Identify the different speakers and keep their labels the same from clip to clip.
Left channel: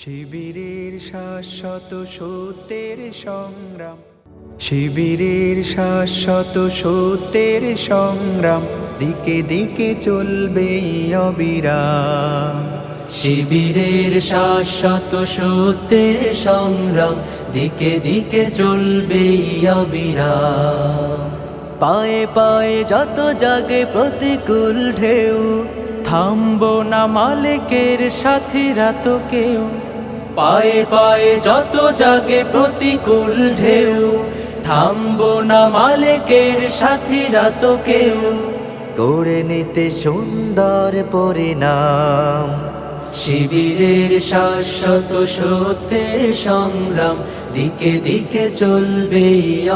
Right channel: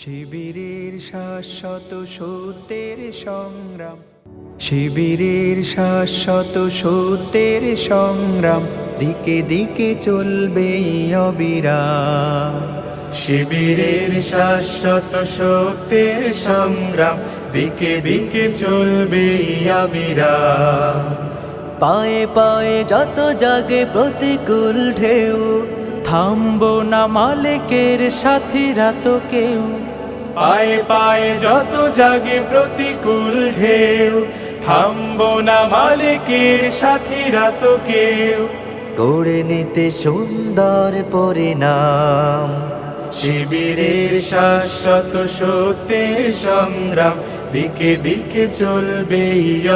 Speaker 1: শিবিরের শাশ্বত সত্যের সংগ্রাম শিবিরের শাশ্বত সত্যের সংগ্রাম দিকে দিকে চলবে অবিরাম
Speaker 2: শিবিরের শাশ্বত সত্যের সংগ্রাম দিকে দিকে চলবে অবিরাম
Speaker 3: পায়ে পায়ে যত জাগে প্রতিকূল ঢেউ থামব না মালিকের সাথীরা তো কেউ
Speaker 2: পায়ে পায়ে যত জাগে প্রতিকূল ঢেউ থামব না মালিকের সাথীরা তো কেউ
Speaker 4: গড়ে নিতে সুন্দর পরিণাম
Speaker 2: শিবিরের শাশ্বত সত্যের সংগ্রাম দিকে দিকে চলবে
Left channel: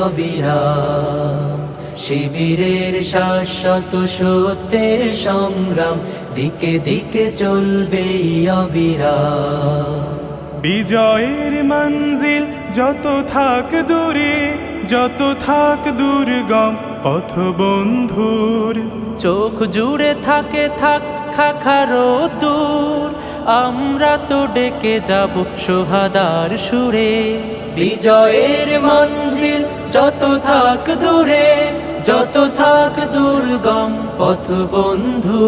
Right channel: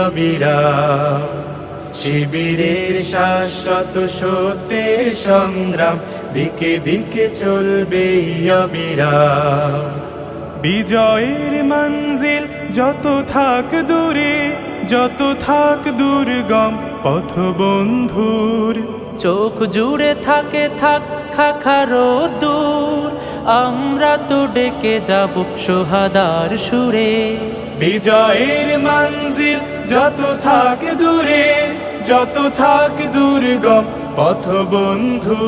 Speaker 2: অবিরাম শিবিরের শাশ্বত সত্যের সংগ্রাম দিকে দিকে চলবে অবিরাম
Speaker 5: বিজয়ের মঞ্জিল যত থাক দূরে যত থাক দুর্গম পথ বন্ধুর
Speaker 3: চোখ জুড়ে থাকে থাক খাখারো দূর আমরা তো ডেকে যাব সোহাদার সুরে
Speaker 2: বিজয়ের মঞ্জিল যত থাক দূরে যত থাক দুর্গম পথ বন্ধু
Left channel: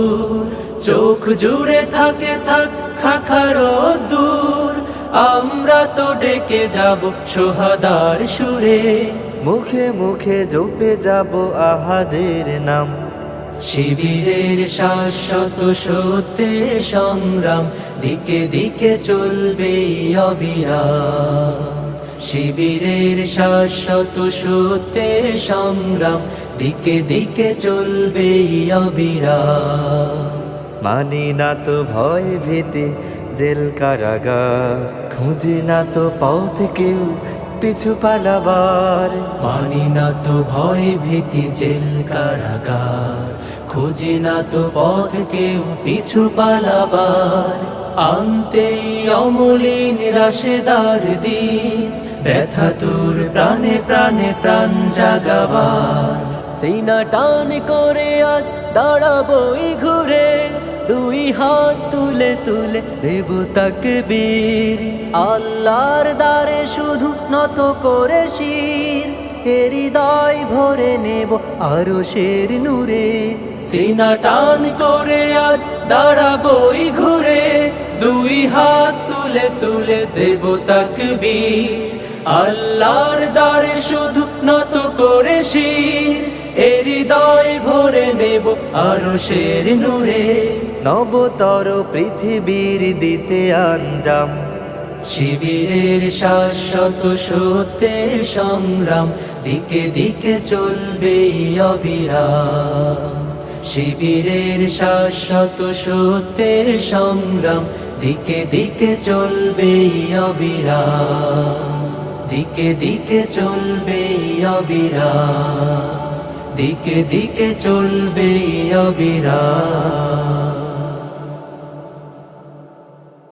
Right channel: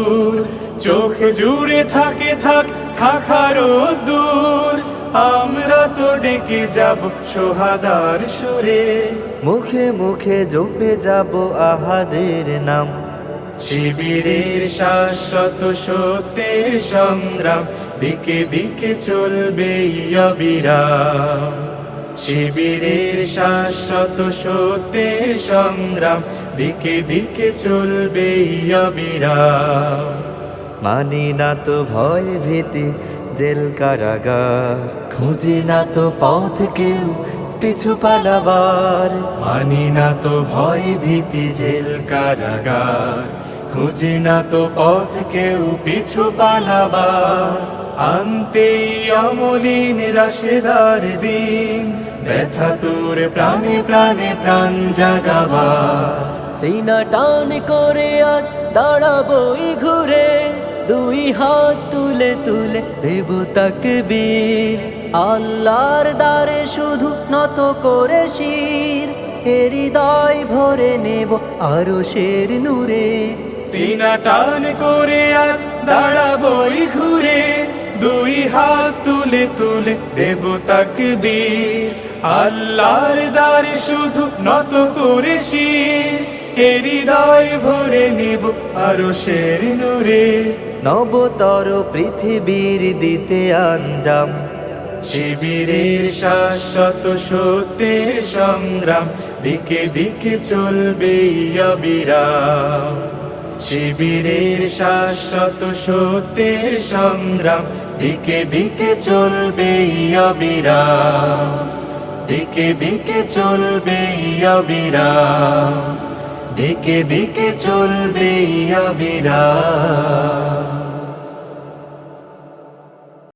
Speaker 2: চোখ জুড়ে থাকে থাক খাখারো দূর আমরা তো ডেকে যাব সোহাদার সুরে
Speaker 4: মুখে মুখে জপে যাব আহাদের নাম
Speaker 2: শিবিরের শাশ্বত সত্যের সংগ্রাম দিকে দিকে চলবে অবিরাম শিবিরের শাশ্বত সত্যের সংগ্রাম দিকে দিকে চলবে অবিরাম
Speaker 4: মানি না তো ভয় ভীতি জেল কারাগার খুঁজি না তো পথ কেউ পিছু পালাবার
Speaker 2: মানি না তো ভয় ভীতি জেল কারাগার খুঁজে না তো পথ কেউ পিছু পালাবার আনতেই অমলিন রাশেদার দিন ব্যথা তোর প্রাণে প্রাণে প্রাণ জাগাবার
Speaker 3: সিনা টান করে আজ দাঁড়াবই ঘুরে দুই হাত তুলে তুলে দেব তাক বীর আল্লাহর দ্বারে শুধু নত করে শির হৃদয় ভরে নেব আরো শের নূরে
Speaker 2: সিনা টান করে আজ দাঁড়াবই ঘুরে দুই হাত তুলে তুলে দেব তাক আল্লাহর দ্বারে শুধু নত করে শির হৃদয় ভরে নেব আরো শের নূরে
Speaker 4: নবতর পৃথিবীর দিতে আঞ্জাম
Speaker 2: শিবিরের শাশ্বত সত্যের সংগ্রাম দিকে দিকে চলবে অবিরাম শিবিরের শাশ্বত সত্যের সংগ্রাম দিকে দিকে চলবে অবিরাম দিকে দিকে চলবে অবিরাম দিকে দিকে চলবে অবিরাম